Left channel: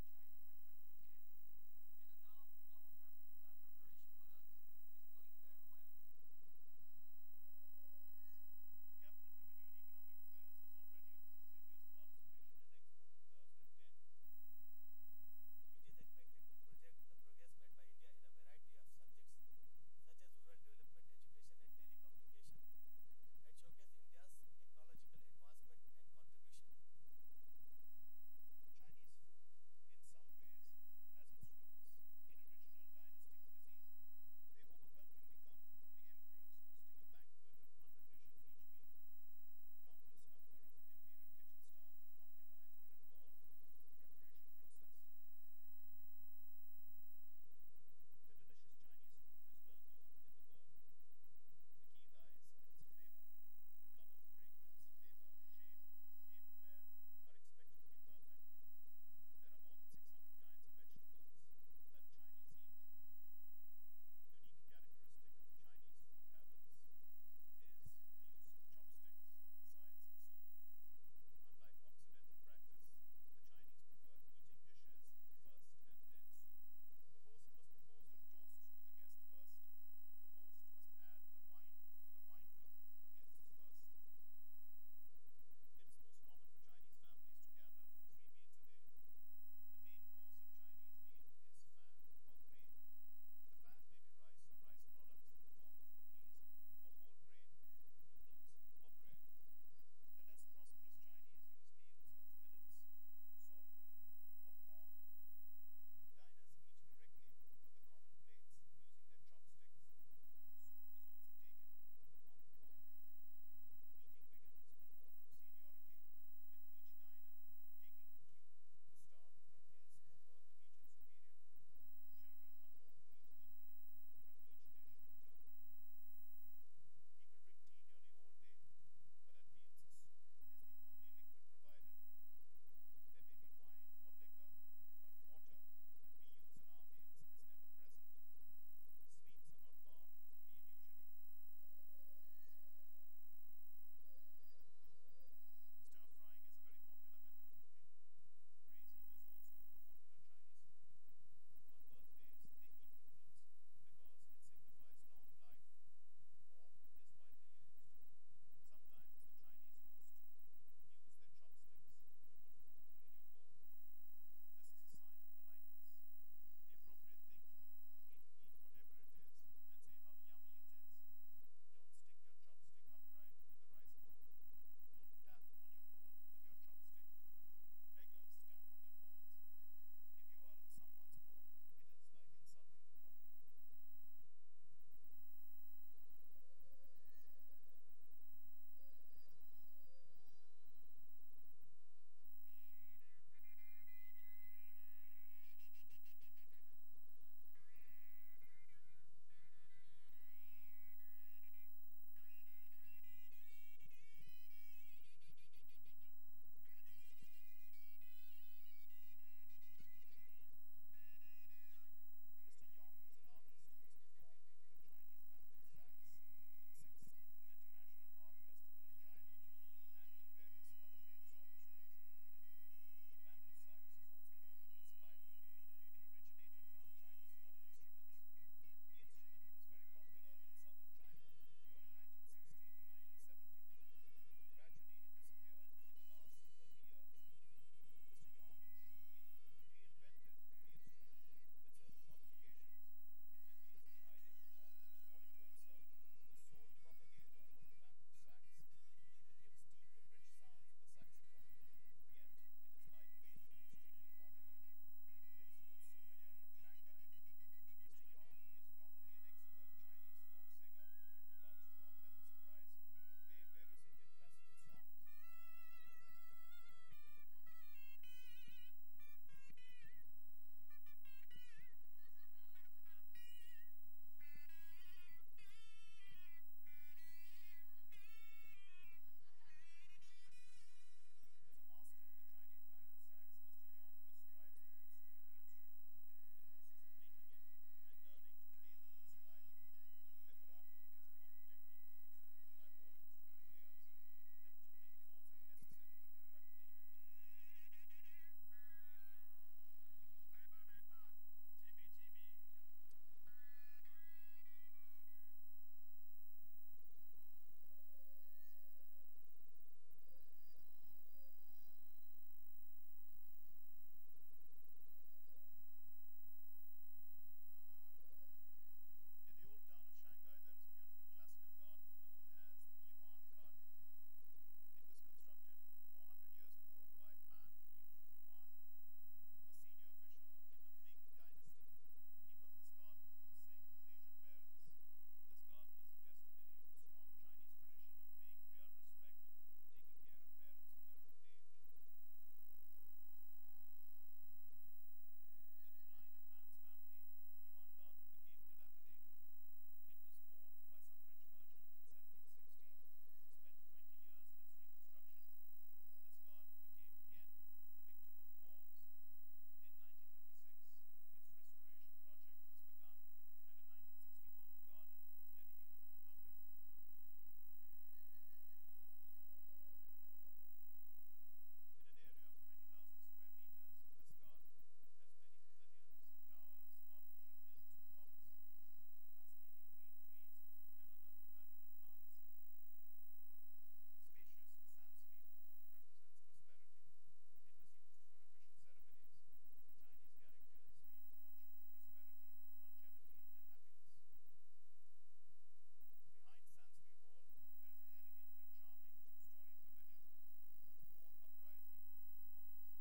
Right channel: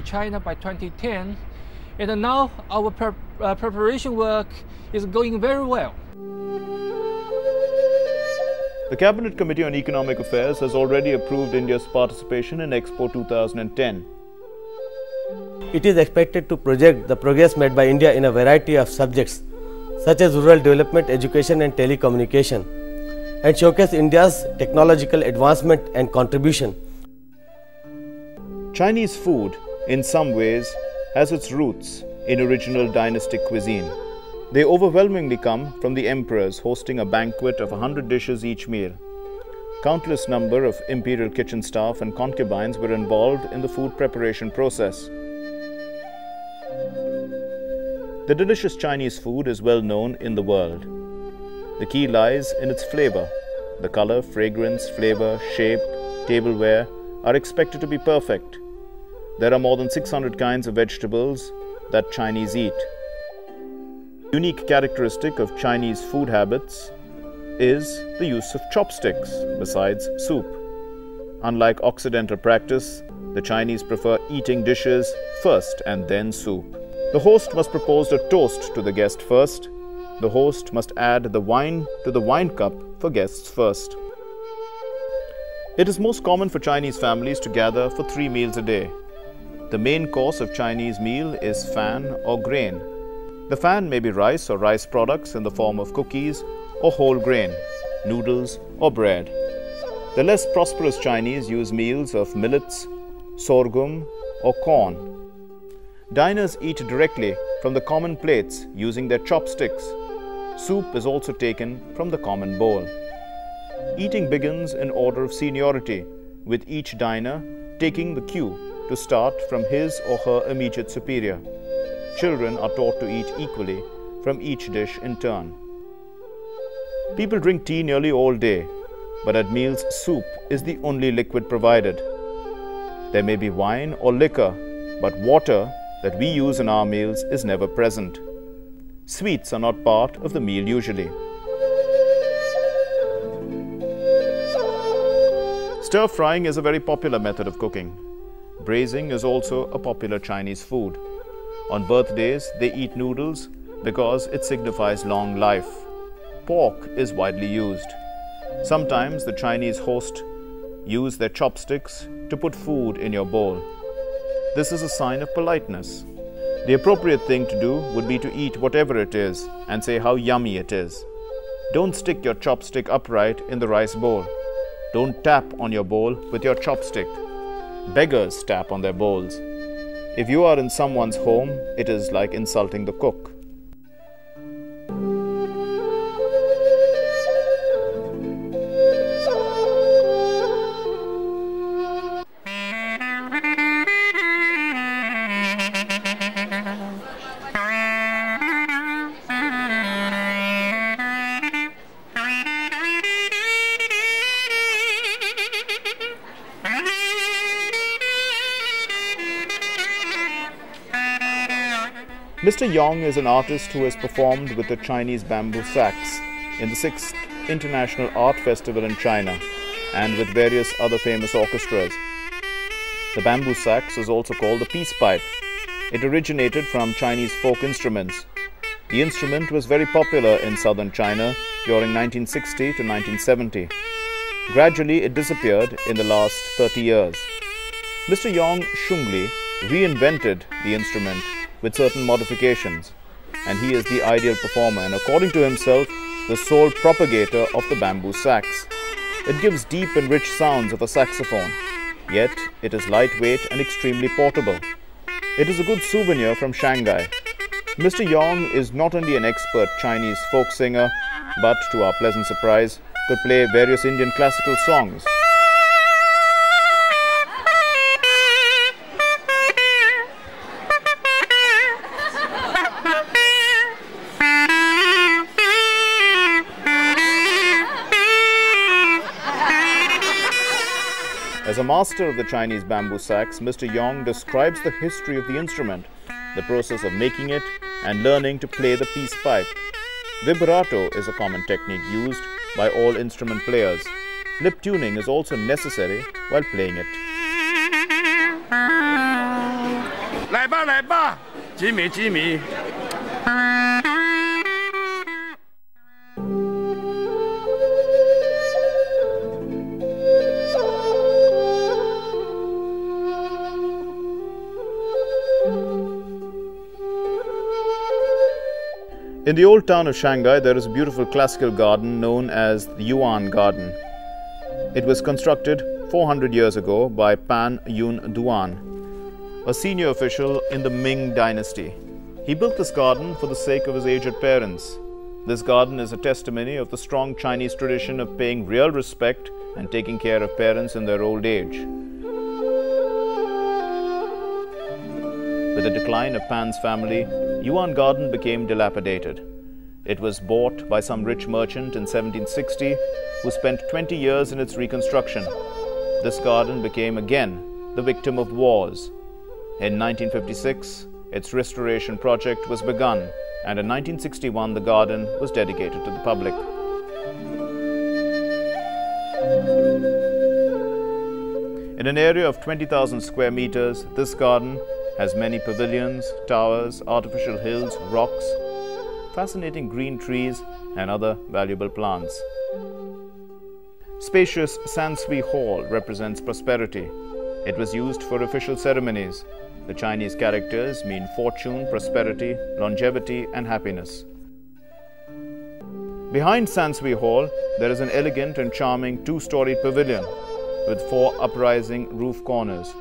China by 2010, and now our preparation work is going very well. The Cabinet Committee on Economic Affairs has already approved India's participation in Expo 2010. It is expected to project the progress made by India in a variety of subjects such as rural development, education and telecommunication, and showcase India's technological advancement and contribution. Chinese food, in some ways, has its roots in original dynastic cuisine. They overwhelmingly come from the emperors hosting a banquet of 100 dishes each meal. Countless number of imperial kitchen staff and concubines were involved in the food preparation process. The delicious Chinese food is well known in the world. The key lies in its flavor. The color, fragrance, flavor, shape, tableware are expected to be perfect. There are more than 600 kinds of vegetables that Chinese eat. Unique characteristic of Chinese food habits is the use of chopsticks besides soup. Unlike Occidental practice, the Chinese prefer eating dishes first and then soup. The host must propose a toast to the guest first. The host must add the wine to the wine cup for guests first. It is most common for Chinese families to gather for 3 meals a day. The main course of Chinese meal is fan or grain. The fan may be rice or rice products in the form of cookies or whole grain, noodles or bread. The less prosperous Chinese use meals of millets, sorghum or corn. Diners eat directly from the common plates using their chopsticks. Soup is also taken from the common bowl. Eating begins in order of seniority, with each diner taking the cue to start from his or her immediate superior. Children are taught to eat equally from each dish in turn. People drink tea nearly all day, but at meals soup is the only liquid provided. There may be wine or liquor, but water that we use in our meals is never present. Sweets are not part of the meal usually. Stir-frying is a very popular method of cooking. Braising is also a popular Chinese food. On birthdays, they eat noodles because it signifies long life. Pork is widely used. Sometimes the Chinese host use their chopsticks to put food in your bowl. This is a sign of politeness. The appropriate thing to do would be to eat whatever it is and say how yummy it is. Don't stick your chopstick upright in the rice bowl. Don't tap on your bowl with your chopstick. Beggars tap on their bowls. If you are in someone's home, it is like insulting the cook. Mr. Yong is an artist who has performed with the Chinese bamboo sax in the 6th International Art Festival in China and with various other famous orchestras. The bamboo sax is also called the peace pipe. It originated from Chinese folk instruments. The instrument was very popular in southern China during 1960 to 1970. Gradually, it disappeared in the last 30 years. Mr. Yong Shungli reinvented the instrument with certain modifications, and he is the ideal performer and, according to himself, the sole propagator of the bamboo sax. It gives deep and rich sounds of a saxophone, yet it is lightweight and extremely portable. It is a good souvenir from Shanghai. Mr. Yong is not only an expert Chinese folk singer, but, to our pleasant surprise, could play various Indian classical songs. As a master of the Chinese bamboo sax, Mr. Yong describes the history of the instrument, the process of making it, and learning to play the peace pipe. Vibrato is a common technique used by all instrument players. Lip tuning is also necessary while playing it. 来吧来吧，吉米吉米。 In the old town of Shanghai, there is a beautiful classical garden known as the Yuan Garden. It was constructed 400 years ago by Pan Yun Duan, a senior official in the Ming dynasty. He built this garden for the sake of his aged parents. This garden is a testimony of the strong Chinese tradition of paying real respect and taking care of parents in their old age. With the decline of Pan's family, Yuan Garden became dilapidated. It was bought by some rich merchant in 1760 who spent 20 years in its reconstruction. This garden became again the victim of wars. In 1956, its restoration project was begun, and in 1961 the garden was dedicated to the public. In an area of 20,000 square meters, this garden has many pavilions, towers, artificial hills, rocks, fascinating green trees and other valuable plants. Spacious Sansui Hall represents prosperity. It was used for official ceremonies. The Chinese characters mean fortune, prosperity, longevity and happiness. Behind Sansui Hall, there is an elegant and charming two-storied pavilion with 4 uprising roof corners.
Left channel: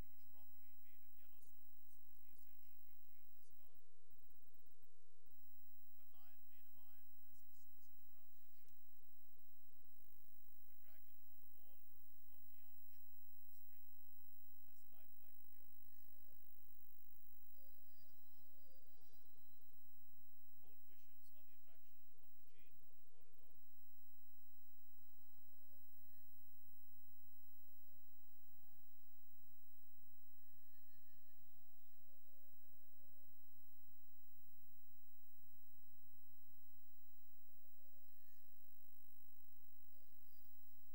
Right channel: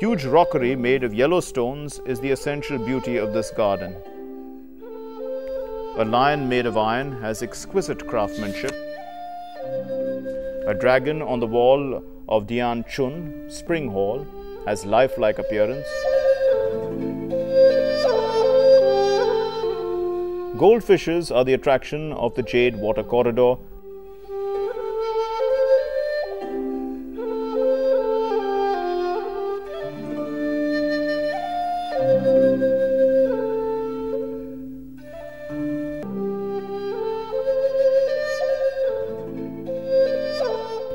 Huge rockery made of yellow stones is the essential beauty of this garden. A lion made of iron has exquisite craftsmanship. A dragon on the wall of Dian Chun Spring Hall has lifelike appearance. Goldfishes are the attraction of the Jade Water Corridor.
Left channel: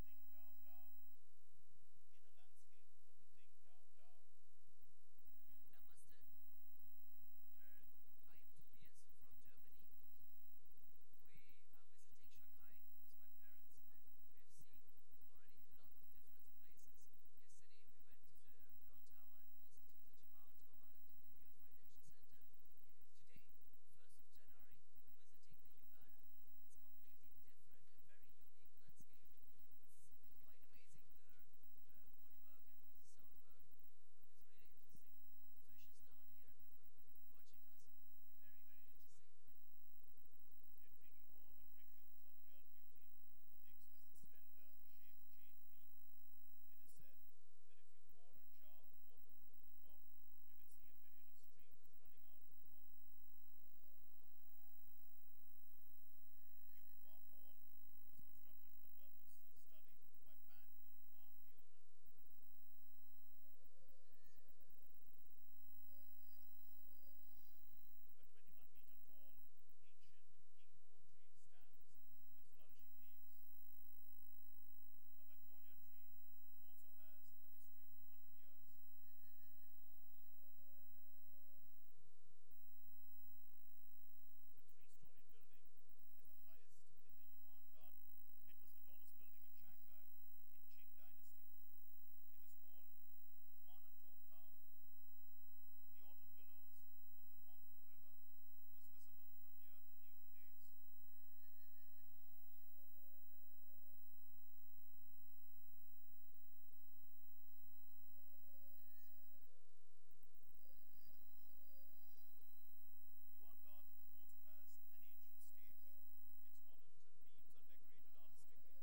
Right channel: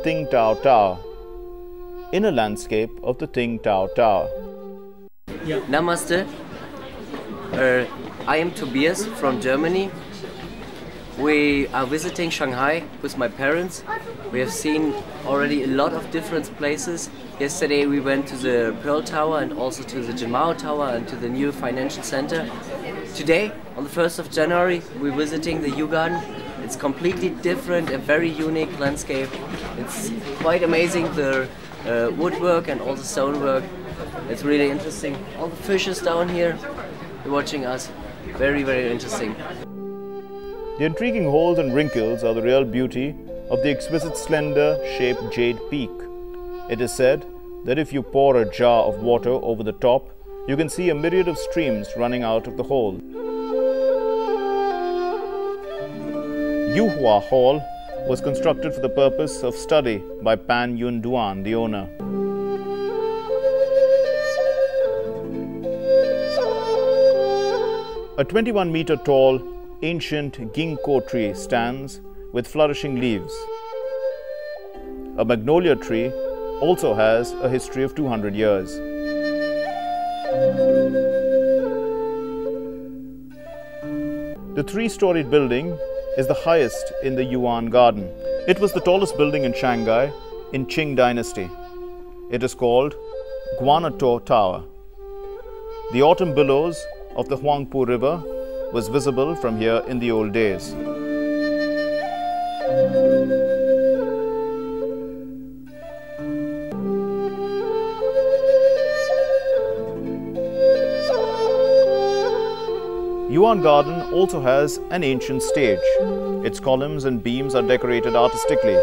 Ting Tao Tower, inner landscape of the Ting Tao Tower. Namaste. I am Tobias from Germany. We are visiting Shanghai with my parents. We have seen already a lot of different places. Yesterday we went to the Pearl Tower and also to the Jimao Tower and to the new financial center. Today, on the 1st of January, we're visiting the Yuan Garden. It's completely different, a very unique landscape. It's quite amazing, the woodwork and all the stonework. It's really interesting. All the fishes down here, they're watching us. Very, very interesting. The intriguing holes and wrinkles are the real beauty of the exquisite slender-shaped jade peak. It is said that if you pour a jar of water over the top, you can see a myriad of streams running out of the hole. Yuhua Hall was constructed for the purpose of study by Pan Yun Duan, the owner. A 21-meter tall, ancient ginkgo tree stands with flourishing leaves. A magnolia tree also has a history of 200 years. The 3-storied building is the highest in the Yuan Garden. It was the tallest building in Shanghai in Qing dynasty. It is called Guanato Tower. The autumn billows of the Huangpu River was visible from here in the old days. Yuan Garden also has an ancient stage. Its columns and beams are decorated artistically.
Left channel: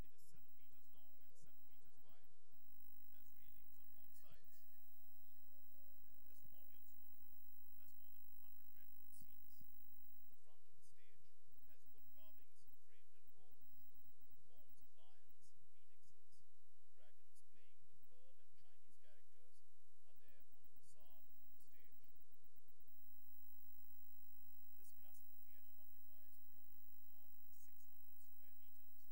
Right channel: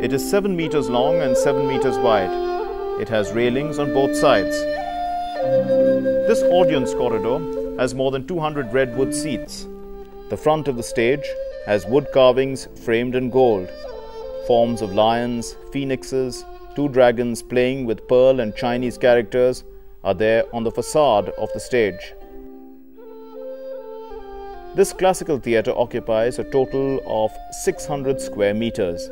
It is 7 meters long and 7 meters wide. It has railings on both sides. This audience corridor has more than 200 redwood seats. The front of the stage has wood carvings framed in gold. Forms of lions, phoenixes, 2 dragons playing with pearl and Chinese characters are there on the facade of the stage. This classical theatre occupies a total of 600 square meters.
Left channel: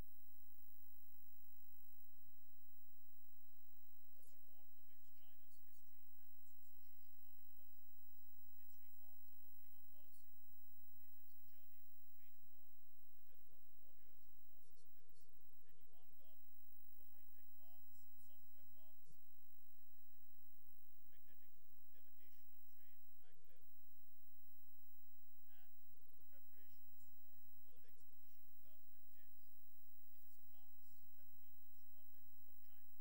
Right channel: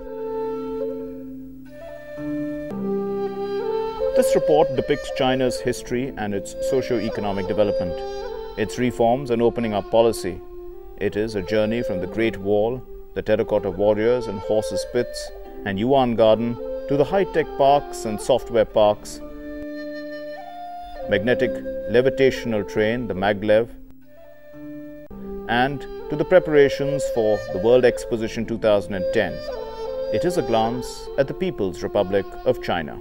This report depicts China's history and its socio-economic development, its reforms and opening up policy. It is a journey from the Great Wall, the terracotta warriors and horses' pits, and Yuan Garden to the high-tech parks and software parks, magnetic levitational train, the maglev, and to the preparations for the World Exposition 2010. It is a glance at the People's Republic of China.